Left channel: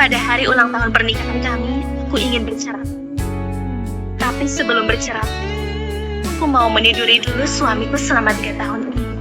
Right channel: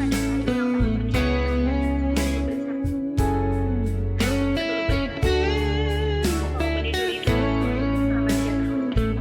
Pada hari ulang tahun pernikahan kami, aku ingin bercerai. Tapi sebelum bercerai, aku mau meniduri dulu suamiku selama 3 tahun ini.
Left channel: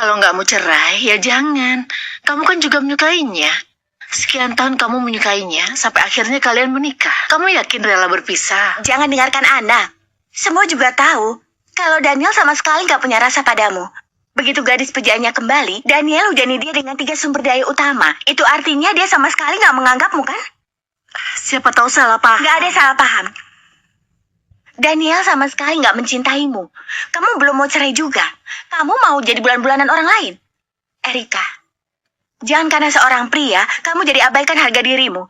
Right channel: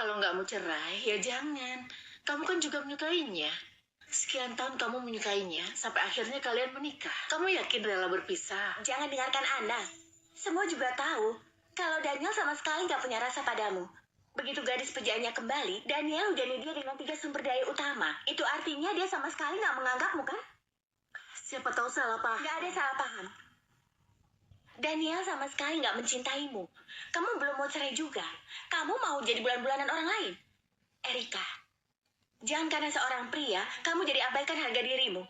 Kalau nggak mau cerai, ya jangan. Kamu kan juga menyukainya. Sekian tahun kamu menyukainya, sampai akhirnya kalian menikah. Kamu yakin rela berpisah? Jangan dengarkan Ana. Semua juga tahu kalau Daniel sama sekali nggak punya rasa padamu. Begitu gadis pujaannya kembali, Daniel hujani dia dengan 3 sumber daya utama. Itu artinya dia sama sekali nggak menganggapmu, kan? Siapa tahu salah paham. Nggak ada salah paham. Daniel sama sekali nggak mencintaimu. Kamu belum mau cerai juga. Kamu mau jadi bulan-bulanan orang lain. Erika, jangan karena seorang pria, kamu jadi abaikan harga dirimu.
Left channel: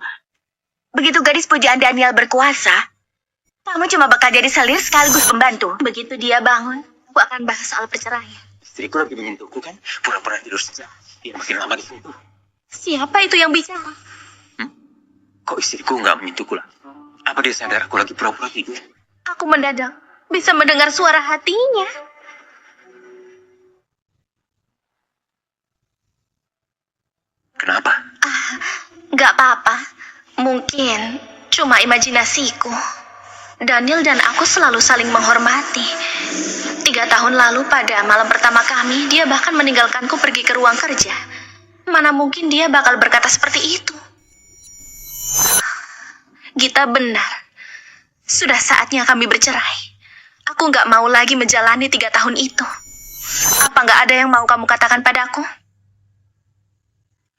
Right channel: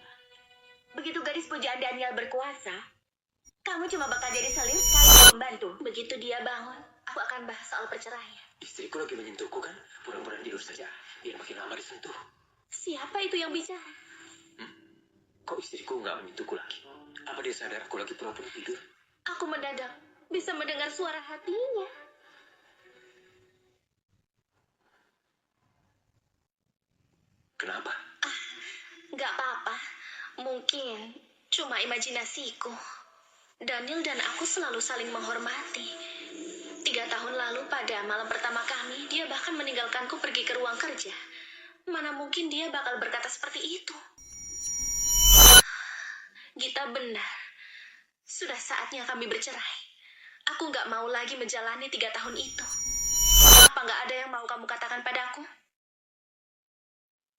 Begitu gadis pujaan Daniel berkuasa, kamu cuma bakal jadi selir sekaligus pembantu. Begitu dia bangun, aku akan bahas soal perceraian. Istriku lagi menyentuhku kan, pura-pura tidur saja. Biar makin lama di situ. Siapa itu yang bicara? Kok istriku nggak menyentuhku lagi? Apa dia sadar aku lagi pura-pura tidur? Aku mendadak bisa mendengar suara hatinya. Kenapa? Gak apa-apa. Mungkin cuma imajinasiku. Daniel dan aku selalu saling menghormati. 3 tahun lalu pada malam pertama kami, dia bahkan meninggalkanku pergi ke ruang kerja. Mana mungkin dia bakal berkata seperti itu. Gita benar. Sudah saatnya kami bercerai. Aku gak mau lagi menjalani 3 tahun itu. Apa gak ada yang mau kamu katakan padaku?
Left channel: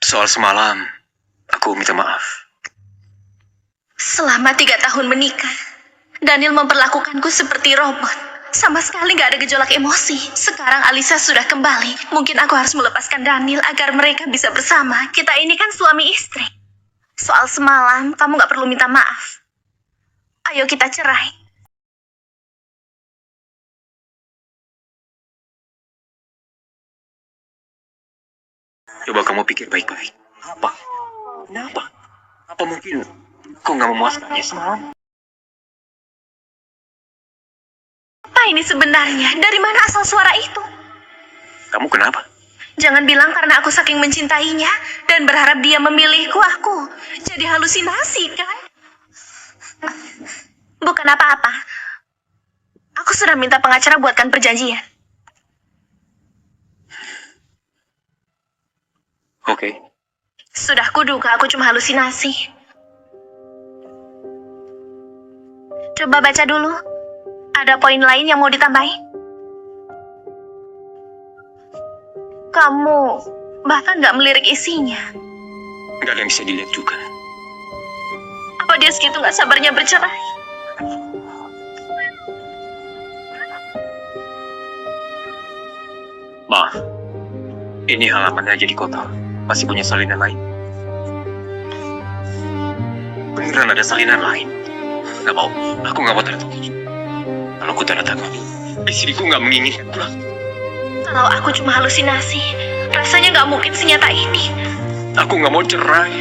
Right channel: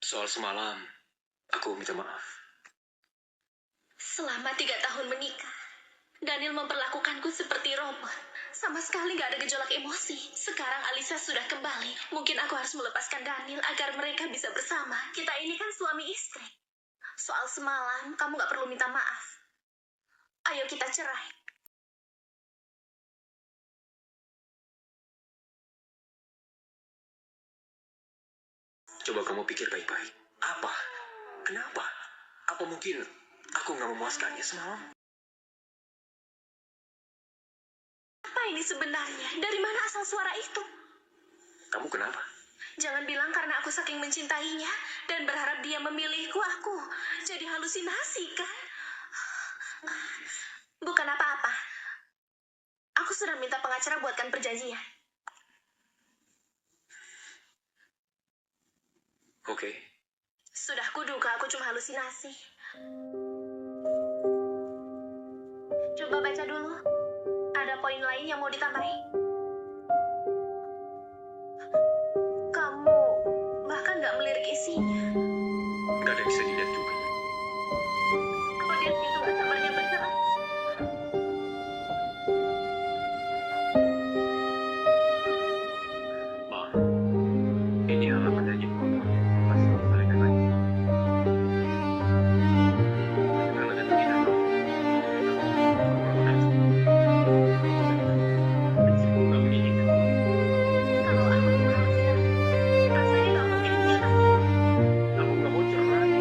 Soal semalam, aku minta maaf. Selama 3 tahun menikah, Daniel memperlakukanku seperti robot. Sama sekali gak ada gejolak emosi. Sekarang Alisa sudah kembali. Mungkin aku harus melepaskan Daniel agar mereka bisa bersama. Kita ini kan suami istri. Soal semalam, kamu gak perlu minta maaf. Ayo kita cerai. Coba kamu pikir baik-baik. Apa? Kenapa? Apa mungkin aku nggak memuaskannya semalam? Apa ini sebenarnya? Dari mana asal suara itu? Kamu kenapa? Jangan bilang karena aku saking mencintainya dan berharap dia memilihku, aku jadi halusinasi, kan? Bukan apa-apa. Aku sudah minta pengacara buatkan perjanjian. Oke. Sudah kuduga aku cuma halusinasi. Coba baca dulu. Ada poin lain yang mau ditambahin? Kamu bahkan gak melirik isinya. Nggak ada yang bisa dilihat juga. Apa dia segitu gak sabarnya bercerai? Maaf. Ini halamannya jadi kotor. Masih punya salinan lain. Beneran ada salinan lain. Nggak mau. Aku nggak mau tanda tangan. Kalau aku tanda tangan, istriku nggak menginginkan pulang. Kalau aku cuma halusinasi, rasanya gak mungkin senyata ini. Aku nggak mau cerai.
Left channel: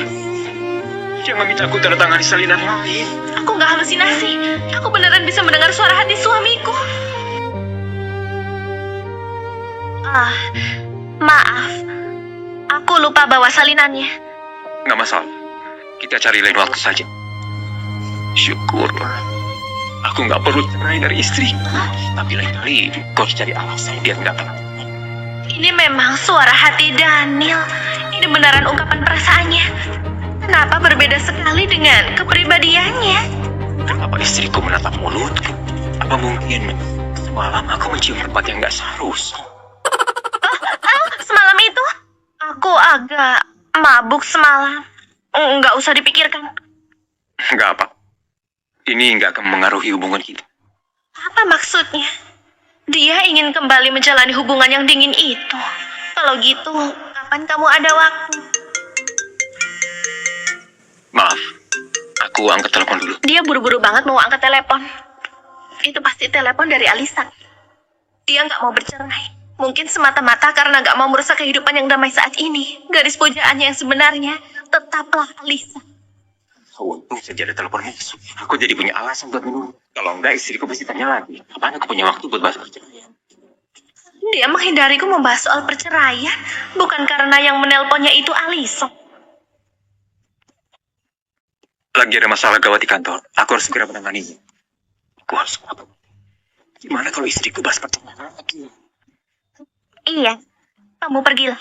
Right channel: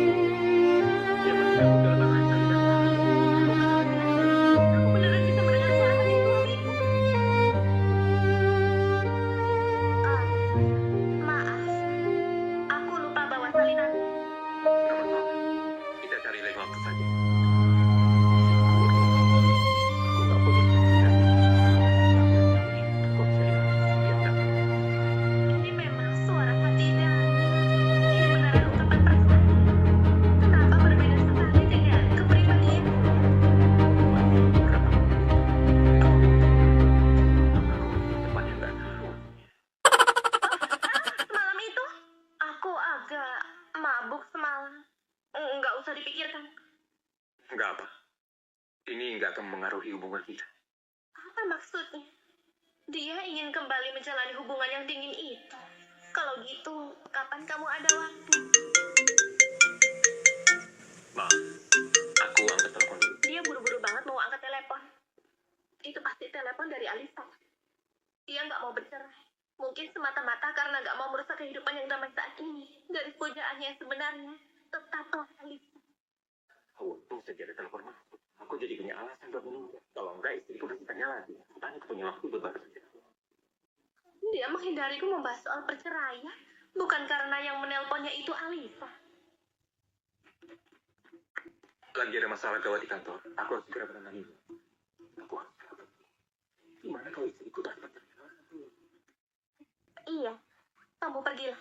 Jangan minta aku tanda tangan di salinan lain. Aku gak halusinasi. Aku beneran bisa mendengar suara hati suamiku. Maaf. Aku lupa bawa salinannya. Nggak masalah. Kita cari lain waktu saja. Syukurlah. Aku nggak perlu cerai dari istri. Tapi lain kali kau harus cari alasan biar nggak pernah. Ini memang suara hati Daniel. Ini beneran ungkapan perasaannya. Kenapa berbeda sekali dengan kepribadiannya? Kenapa istriku menatap mulutku? Apa mungkin semalam aku mencium tempat yang nggak seharusnya? Semalam itu? Aku agak mabuk semalam. Nggak usah dipikirkan. Nggak apa. Ini nggak akan mengaruhi hubungan kita. Apa maksudnya? Dia ingin kembali menjalani hubungan yang dingin itu. Kalau gitu, kapan kamu ada waktu? Maaf, aku angkat telepon dulu. Dia buru-buru banget mau angkat telepon. Itu pasti telepon dari Alisa. Dia nggak mau bercerai. Mungkin semata-mata karena nggak mau merusak kehidupan yang damai saat ini. Gadis pujaannya yang sebenarnya tetaplah Alisa. Untung saja ada telepon masuk. Aku jadi punya alasan buat menunggu. Kalau enggak, istriku pasti tanya lagi. Apaan aku punya waktu buat bahas perceraian? Dia menghindariku membahas soal perceraian. Bukan karena yang menelponnya itu Alisa. Lagi ada masalah gawat di kantor. Aku harus segera menanganinya. Aku harus apa? Gimana kalau istriku bahas perceraian lagi? Iya, kamu pergilah.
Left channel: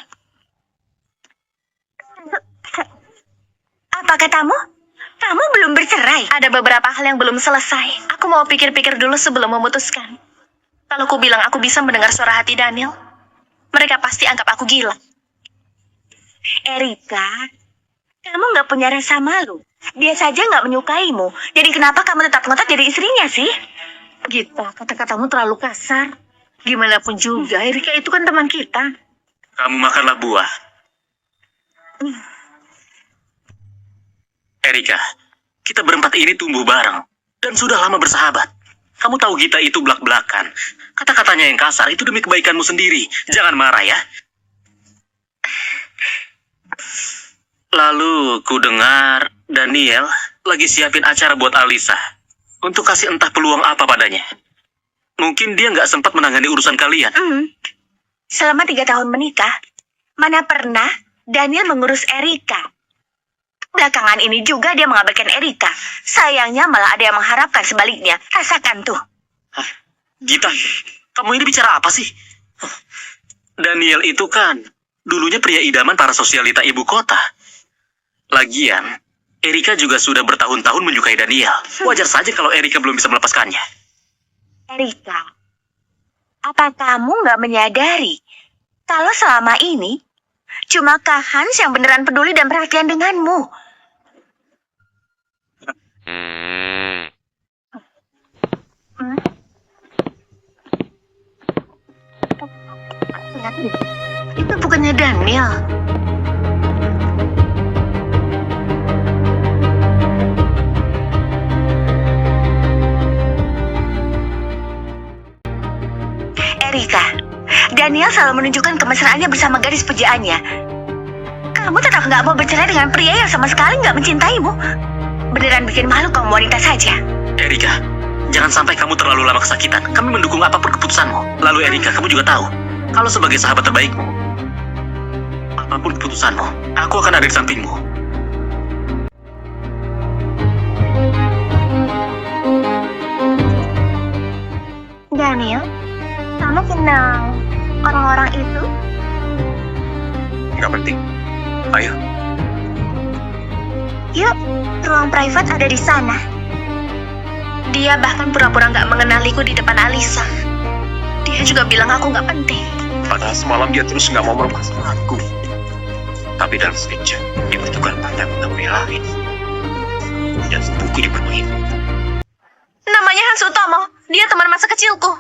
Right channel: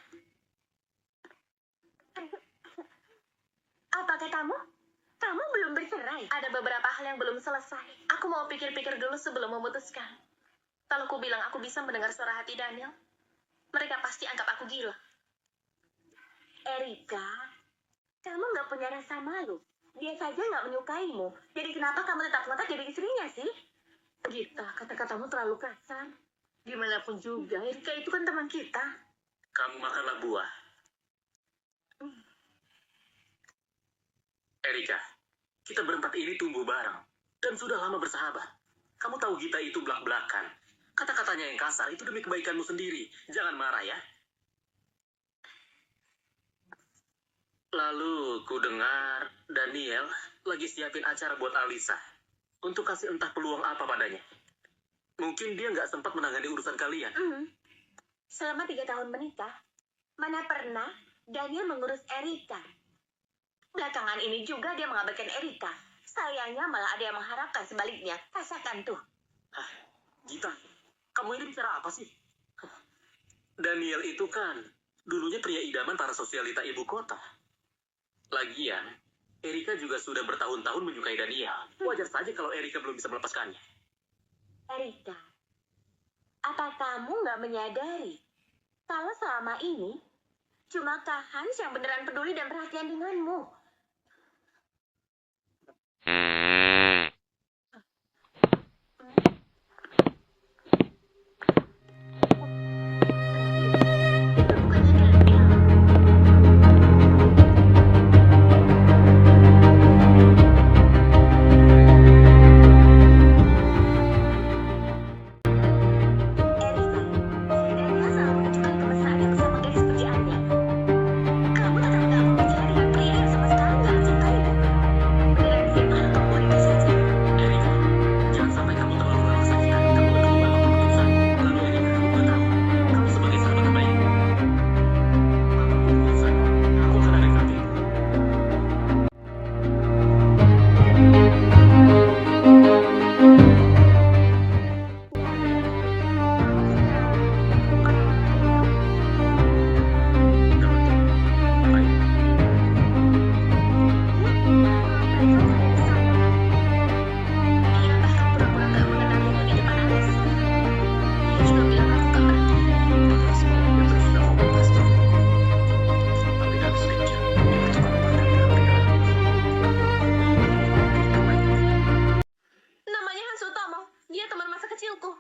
Apa katamu? Kamu belum bercerai? Ada beberapa hal yang belum selesai. Aku mau pikir-pikir dulu sebelum memutuskan. Kalau aku bilang aku bisa mendengar suara hati Daniel, mereka pasti anggap aku gila. Erika, kamu nggak punya rasa malu. Dia saja nggak menyukaimu. Jadi kenapa kamu tetap ngotot jadi istrinya sih? Gita, kata-katamu terlalu kasar. Gimana pun juga, Erika itu kan teman kita. Kamu makanlah buah. Erika, kita berempat ini tumbuh bareng dan sudah lama bersahabat. Kamu tahu Gita itu belak-belakan. Kata-katanya yang kasar itu demi kebaikanmu sendiri. Jangan marah ya. Lalu ku dengar Daniel lagi siapin acara buat Alisa. Untuk kasih entah peluang apa padanya. Mungkin dia nggak sempat menangani urusan kalian. Selama 3 tahun menikah, mana pernah Daniel mengurus Erika? Belakangan ini juga dia mengabaikan Erika. Sayangnya malah ada yang mengharapkan sebaliknya. Rasakan tuh. Gita, kamu ini bicara apa sih? Daniel itu kan dulunya pria idaman para sosialita ibu kota. Lagian, Erika juga sudah bertahun-tahun menyukai Daniel. Wajar saja kalau Erika belum bisa melepaskannya. Erika, apa kamu nggak menyadari kalau selama ini cuma Kak Hans yang beneran peduli dan perhatian denganmu? Itu bukannya Daniel. Erika, Daniel selalu menunjukkan kemesraannya bersama gadis pujaannya. Kamu tetap nggak mau bercerai dengan pria yang sama sekali nggak mencintaimu. Beneran bikin malu kamu wanita saja. Erika, jangan sampai kamu terlalu lama kesakitan. Kami mendukung apapun keputusanmu. Lalu Erika, kamu juga tahu, kalau sebagai sahabat terbaikmu, apapun keputusanmu, aku akan ada di sampingmu. Daniel, kamu kenal orang-orang itu? Nggak penting. Ayo. Yuk, ruang private ada di sana. Dia bahkan pura-pura nggak mengenaliku di depan Alisa. Dia juga bilang aku nggak penting. Padahal semalam dia terus nggak mau merupakan aku. Tapi dalam sekejap, dia bertukar pandang dengan pria lain. Dan sepupuku dipermain. Namanya Hans Utomo. Dia teman masa kecilku.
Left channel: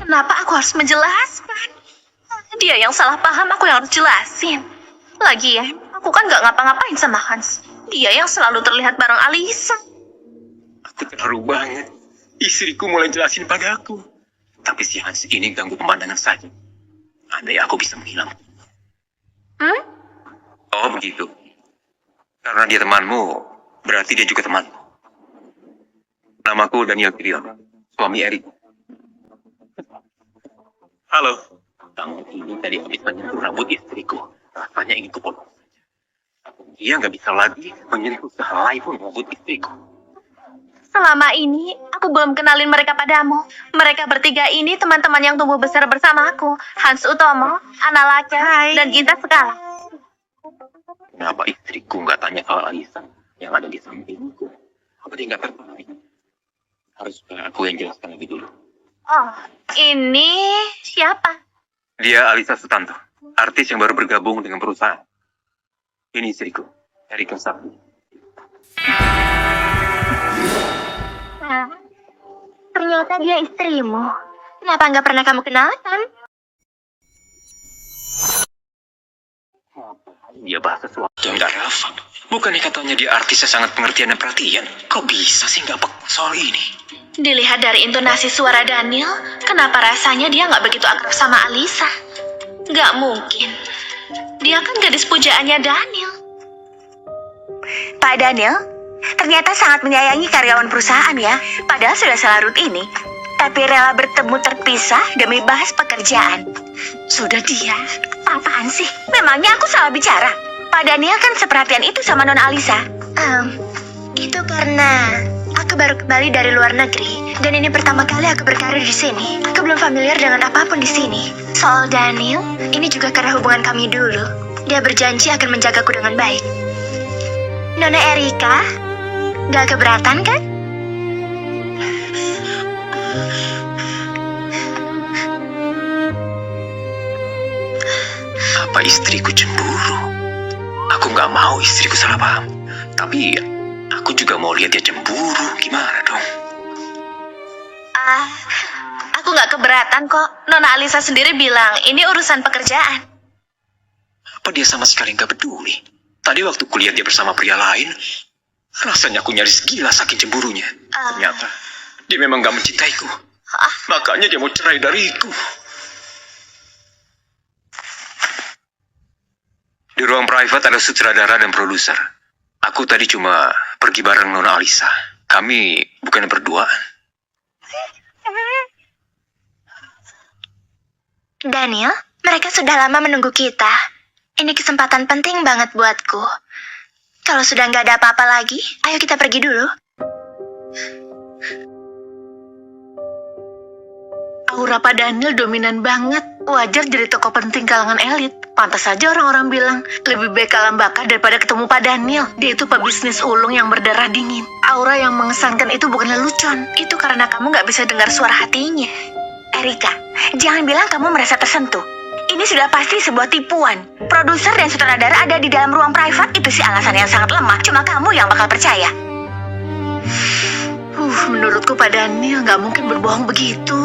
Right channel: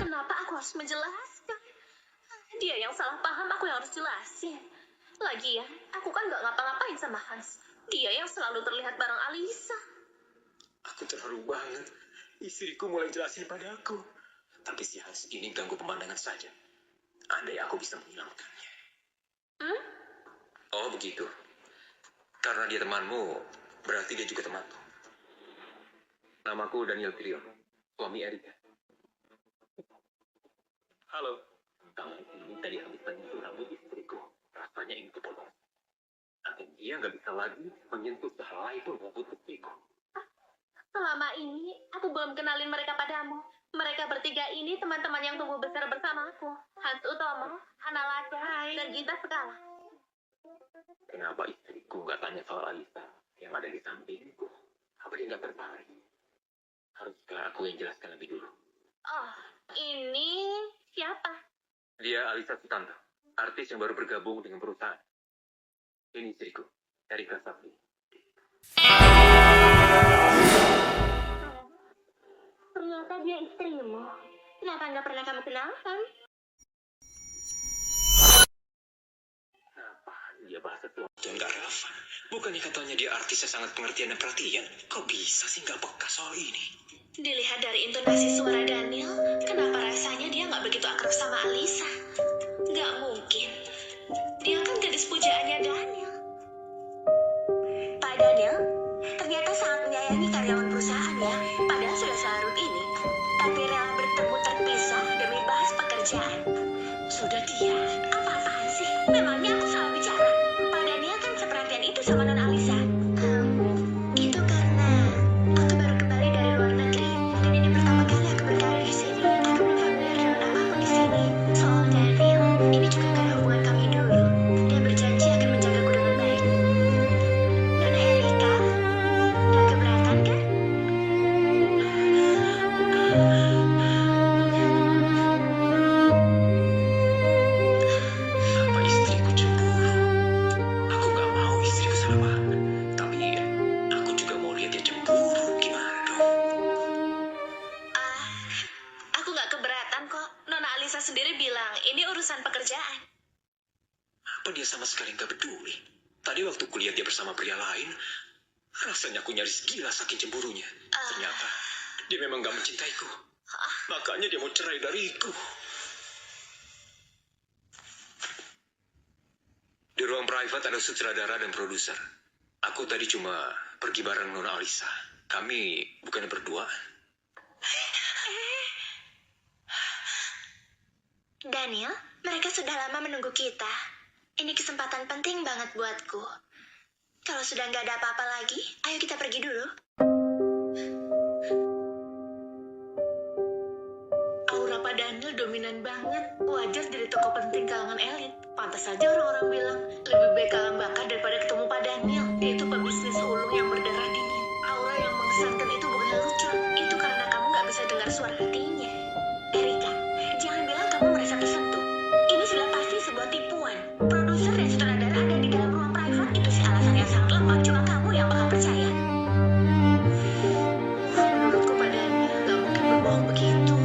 Kenapa aku harus menjelaskan? Dia yang salah paham, aku yang harus jelasin. Lagian, aku kan nggak ngapa-ngapain sama Hans. Dia yang selalu terlihat bareng Alisa. Aku terharu banget. Istriku mulai jelasin padaku. Tapi si Hans ini ganggu pemandangan saja. Andai aku bisa menghilangkan. Oh begitu. Karena dia temanmu, berarti dia juga temanku. Namaku Daniel Pirion, suami Erika. Halo. Kamu ini tadi habis menyentuh rambut istriku. Rasanya ingin kupotong saja. Dia nggak bisa lagi menyentuh sehelai pun rambut istriku. Selama ini, aku belum kenalin mereka padamu. Mereka bertiga ini teman-teman yang tumbuh besar bersama aku. Hans Utomo, Anna Laka, dan Gita Sekala. Kenapa istriku nggak tanya soal Alisa yang ada di sampingku? Apa dia nggak tertarik? Harus aku yang jelaskan lebih dulu. Oh, ini siapa? Dia Alisa Sutanto, artis yang baru bergabung dengan perusahaan. Ini istriku, Erika Sakti. Ternyata dia istrimu. Kenapa nggak pernah kamu kenalkan? Dia bahas sesuatu yang gak relevan. Bukannya katanya dia artis yang sangat pengertian dan perhatian. Kok bisa sih gak peka soal ini? Dilihat dari intonasi suara Daniel, kenapa rasanya dia nggak begitu akrab sama Alisa? Nggak mungkin. Dia kan gadis pujaannya Daniel. Pak Daniel, ternyata sangat menyayangi karyawan perusahaan ya. Padahal sudah selarut ini. Tapi rela bertemu terpisah demi bahas pekerjaan. Sudah dia, apa-apaan sih? Memangnya aku salah bicara? Pak Daniel kan seperhatian itu sama Nona Alisa. Itu karena aku baru kembali dari luar negeri. Dan ini pertama kali aku berkarir di sini. Aku belum familiar dengan apapun di sini. Soal Daniel, ini juga karena hubungan kami dulu. Dia berjanji akan menjagaku dengan baik. Nona Erika, gak keberatan kan? Apa istriku cemburu? Aku gak mau istriku salah paham. Tapi aku juga mau lihat dia cemburu. Gimana dong? Aku nggak keberatan kok. Nona Alisa sendiri bilang ini urusan pekerjaan. Apa dia sama sekali gak peduli? Tadi waktu kulihat dia bersama pria lain, rasanya aku nyaris gila saking cemburunya. Ternyata dia memang gak mencintaiku. Makanya dia mau cerai dariku. Di ruang private ada sutradara dan produser. Aku tadi cuma pergi bareng Nona Alisa. Kami bukan berdua. Daniel, mereka sudah lama menunggu kita. Ini kesempatan penting banget buatku. Kalau sudah nggak ada apa-apa lagi, ayo kita pergi dulu. Aura Pak Daniel dominan banget. Wajar jadi tokoh penting kalangan elit. Pantas saja orang-orang bilang, lebih baik kalah bakar daripada ketemu Pak Daniel. Dia itu pebisnis ulung yang berdarah dingin. Aura yang mengesankan itu bukan lelucon. Itu karena kamu nggak bisa dengar suara hatinya. Erika, jangan bilang kamu merasa tersentuh. Ini sudah pasti sebuah tipuan. Produser dan sutradara ada di dalam ruang private itu sih alasan yang sangat lemah. Cuma kamu yang bakal percaya. Menurutku Pak Daniel nggak mungkin berbohong begitu.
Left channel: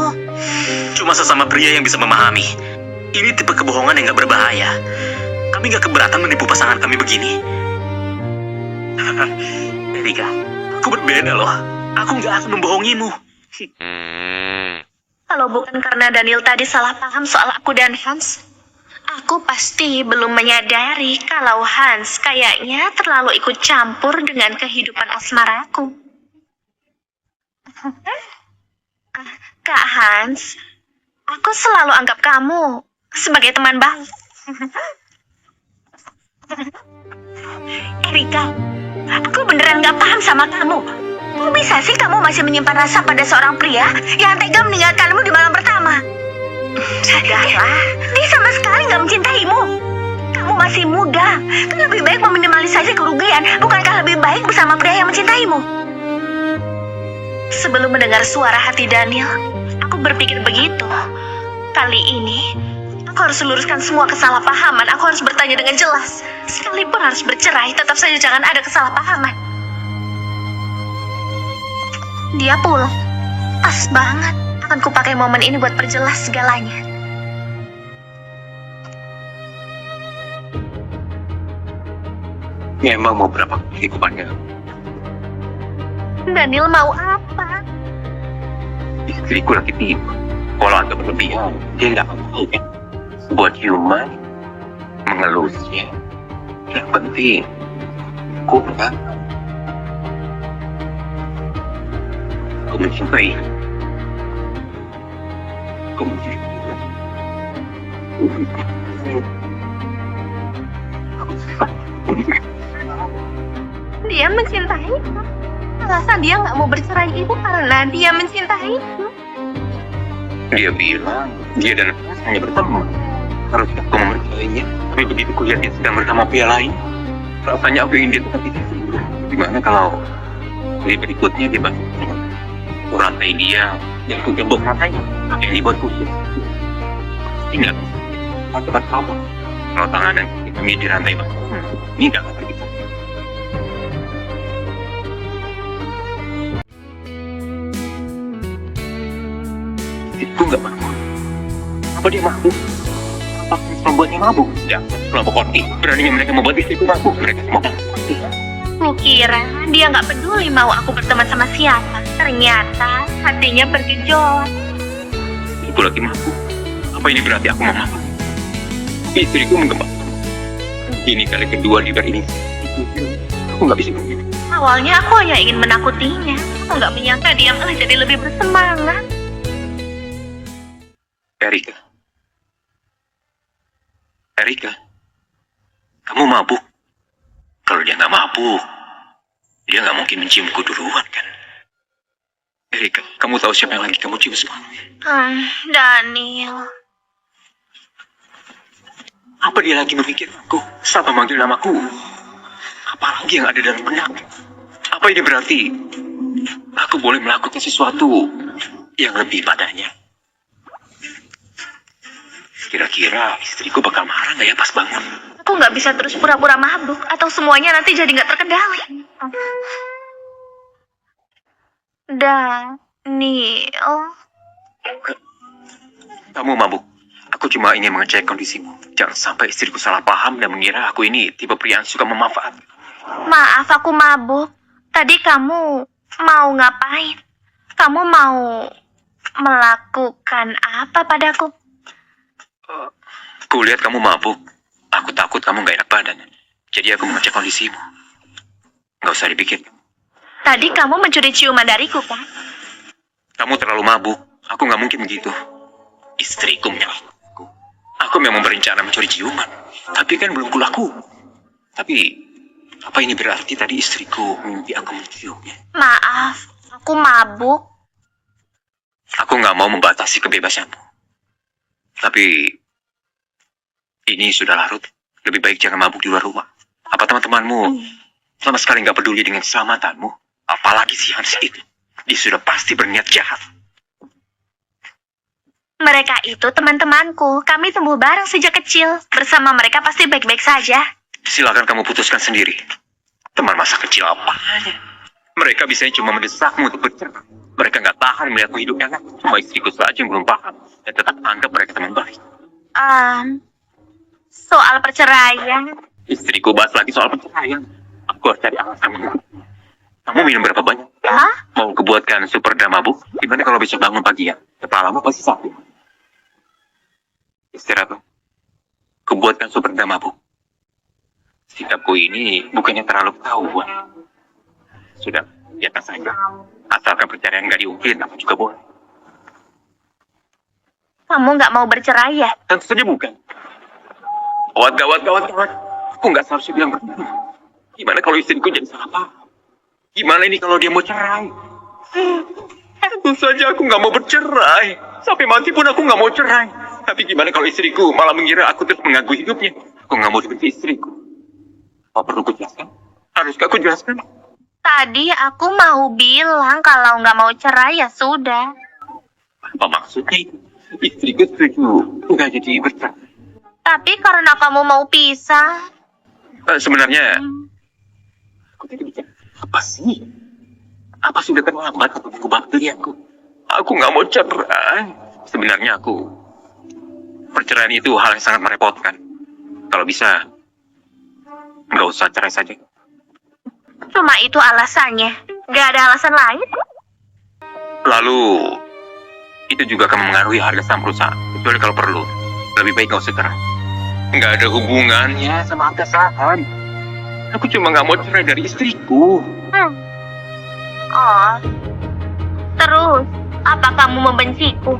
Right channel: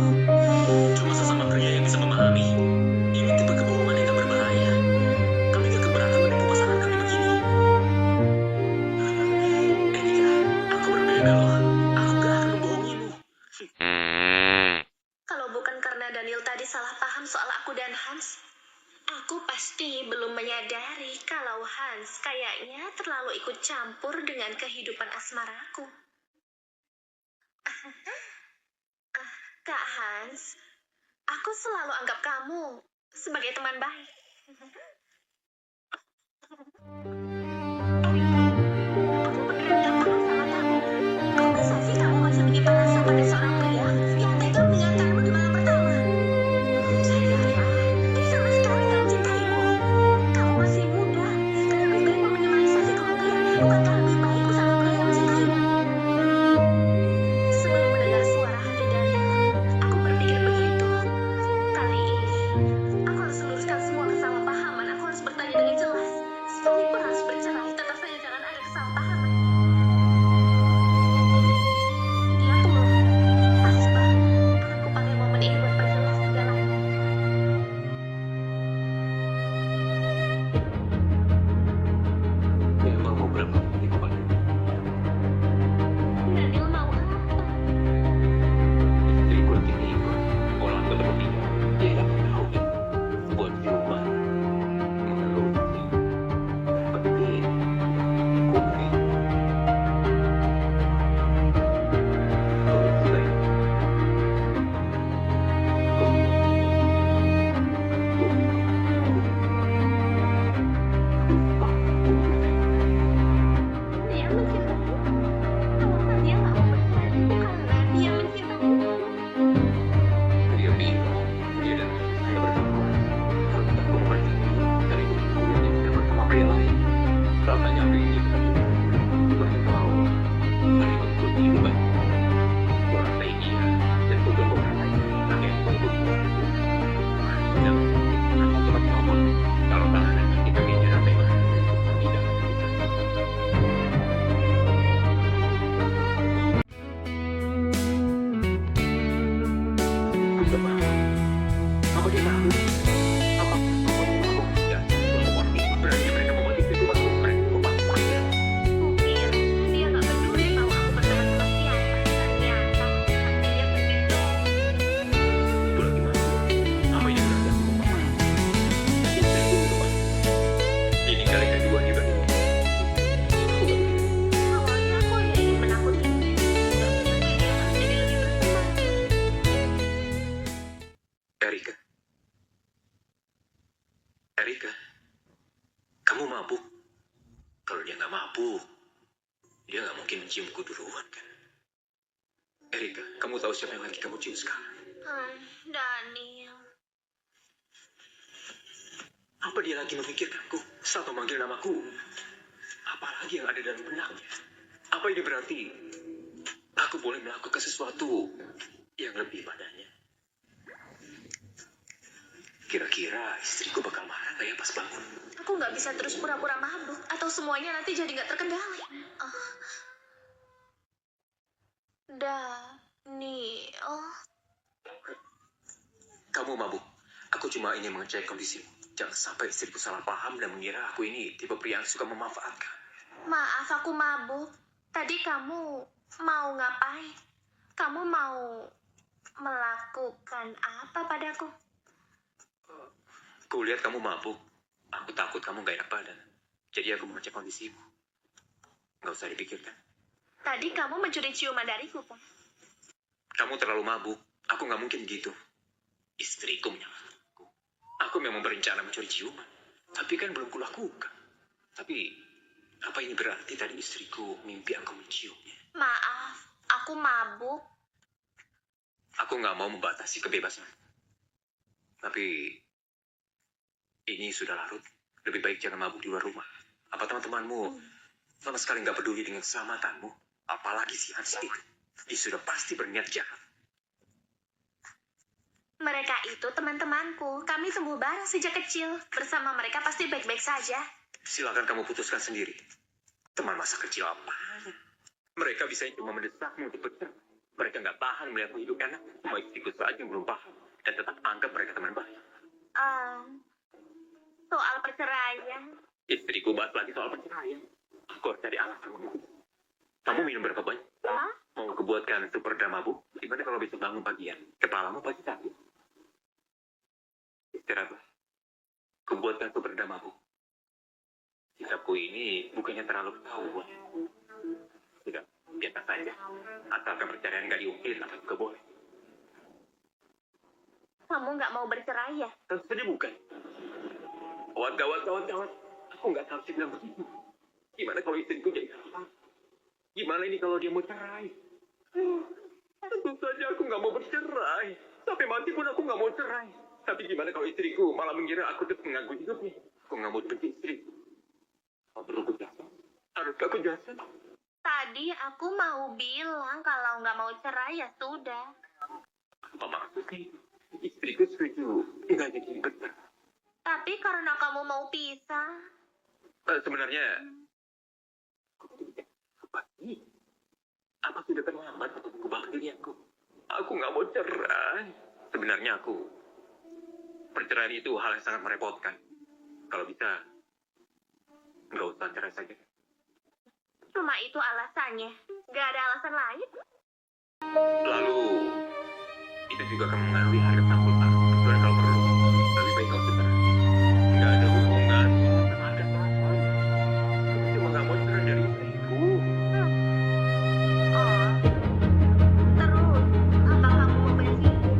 Cuma sesama pria yang bisa memahami. Ini tipe kebohongan yang gak berbahaya. Kami gak keberatan menipu pasangan kami begini. Erika, aku berbeda loh. Aku gak akan membohongimu. Kalau bukan karena Daniel tadi salah paham soal aku dan Hans, aku pasti belum menyadari kalau Hans kayaknya terlalu ikut campur dengan kehidupan asmaraku. Kak Hans, aku selalu anggap kamu sebagai teman baik. Erika, aku beneran gak paham sama kamu. Kok bisa sih kamu masih menyimpan rasa pada seorang pria yang tega meninggalkanmu di malam pertama? Sadarlah, dia sama sekali gak mencintaimu. Kamu masih muda, kan lebih baik meminimalisasi kerugian. Bukankah lebih baik bersama pria yang mencintaimu? Sebelum mendengar suara hati Daniel, aku berpikir begitu. Kali ini, aku harus luruskan semua kesalahpahaman. Aku harus bertanya dengan jelas. Sekalipun harus bercerai, tetap saja jangan ada kesalahpahaman. Dia pulang. Pas banget. Akan kupakai momen ini buat perjelas segalanya. Memang mau berapa kali kupanggil? Daniel mau apa? Istriku lagi tidur. Kalau agak berlebihan, dia nggak tahu kan. Buat human, mengelusnya. Yang penting, aku enggak. Aku mencintai. Aku mencintai. Dia mencintai. Alasan dia nggak mau bercerai itu karena dia mencintai. Dia bilang, dia dan aku hanya berteman. Harus aku mempercayainya. Tapi begitu kulihat dia sedang bersama pria lain, rasanya aku ingin dia tetap di sini. Gimana kalau hari berikutnya dia bantu kurantai dia yang ku gembok rasanya yang dibuat khusus. Pasti nggak bisa tempat kamu. Kalau tangan dan kaki kami dirantai ini nggak akan bisa. Itu nggak mampu. Apa dia mampu? Apa membuatnya mabuk. Ya, kelompok konti. Beraninya mereka membuat istriku mabuk. Mereka semua pasti. Kukira dia nggak peduli mau aku berteman sama siapa. Ternyata hatinya bergejolak. Aku lagi mabuk. Apa ini berarti aku mau mabuk? Istriku menggembak. Ini kali kedua di ini. Aku nggak bisa begini. Awalnya aku hanya ingin menakutinya. Aku nggak menyangka dia malah jadi lebih bersemangat. Erika. Erika. Kamu mabuk? Kalau dia nggak mabuk, dia nggak mungkin menciumku duluan kan? Erika, kamu tahu siapa yang lagi kamu cium sekarang? Daniel. Apa dia lagi memikirkanku sampai manggil namaku? Apalagi yang ada dalam benaknya? Apa ini berarti aku boleh melakukan sesuatu yang lebih padanya? Kira-kira istriku bakal marah nggak ya pas bangun? Aku nggak bisa terus pura-pura mabuk atau semuanya nanti jadi nggak terkendali. Daniel. Kamu mabuk. Aku cuma ingin mengecek kondisimu. Jangan sampai istriku salah paham dan mengira aku ini tipe pria yang suka memanfaatkan. Maaf, aku mabuk. Tadi kamu mau ngapain? Kamu mau melakukan apa padaku? Aku lihat kamu mabuk. Aku takut kamu gak enak badan. Jadi aku mengecek kondisimu. Gak usah dipikirkan. Tadi kamu mencuri ciuman dariku, kan? Kamu terlalu mabuk. Aku gak mungkin begitu. Istriku menyalahkanku. Aku memang berencana mencuri ciuman. Tapi kan belum kulakukan. Tapi apa ini berarti tadi istriku mimpi aku menciumnya? Maaf, aku mabuk. Aku gak mau membatasi kebebasanmu. Tapi ini sudah larut. Lebih baik jangan mabuk di luar rumah. Apa teman-temanmu sama sekali gak peduli dengan keselamatanmu? Apalagi si Hans itu. Dia sudah pasti berniat jahat. Mereka itu teman-temanku. Kami tumbuh bareng sejak kecil. Bersama mereka pasti baik-baik saja. Silakan kamu putuskan sendiri. Teman masa kecil apanya? Mereka bisanya cuma mendesakmu untuk bercerai. Mereka gak tahan melihatmu hidup enak. Cuma istriku saja yang belum paham. Dan tetap anggap mereka teman baik. Soal perceraian. Istriku bahas lagi soal perceraian. Aku harus cari alasan. Kamu minum berapa banyak? Hah? Mau kebuatkan super mabuk? Gimana kalau besok bangun pagi ya? Kepalamu pasti sakit. Istirahat. Kebuatkan super mabuk. Sikapku ini bukannya terlalu ketahuan. Sudah, biarkan saja. Asalkan perceraian nggak diungkit, apa juga boleh. Kamu nggak mau bercerai ya? Tentu saja bukan. Gawat. Aku nggak seharusnya bilang begitu. Gimana kalau istriku jadi salah paham? Gimana ini kalau dia mau cerai? Tentu saja aku nggak mau bercerai. Sampai mati pun aku nggak mau cerai. Tapi gimana kalau istriku malah mengira aku terus mengganggu hidupnya? Aku nggak mau dibenci istriku. Apa perlu ku jelaskan? Haruskah aku jelaskan? Tadi aku mau bilang kalau nggak mau cerai ya sudah. Apa maksudnya itu? Istriku setuju nggak jadi bercerai. Tapi karena kamu mau pisah. Sebenarnya aku tidak bicara apa sih? Apa sudah terlambat untuk mengubah pilihanku? Aku nggak mau cerai. Sebenarnya perceraian itu hal yang sangat merepotkan. Kalau bisa, nggak usah cerai saja. Cuma itu alasannya. Nggak ada alasan lain. Lalu, itu juga akan mengaruhi harga saham perusahaan. Kecuali kalau perlu, lebih baik nggak usah cerai. Nggak ada hubungannya sama harga saham. Aku cuma nggak mau cerai dari istriku. Oh. Terus, apa kamu membenciku?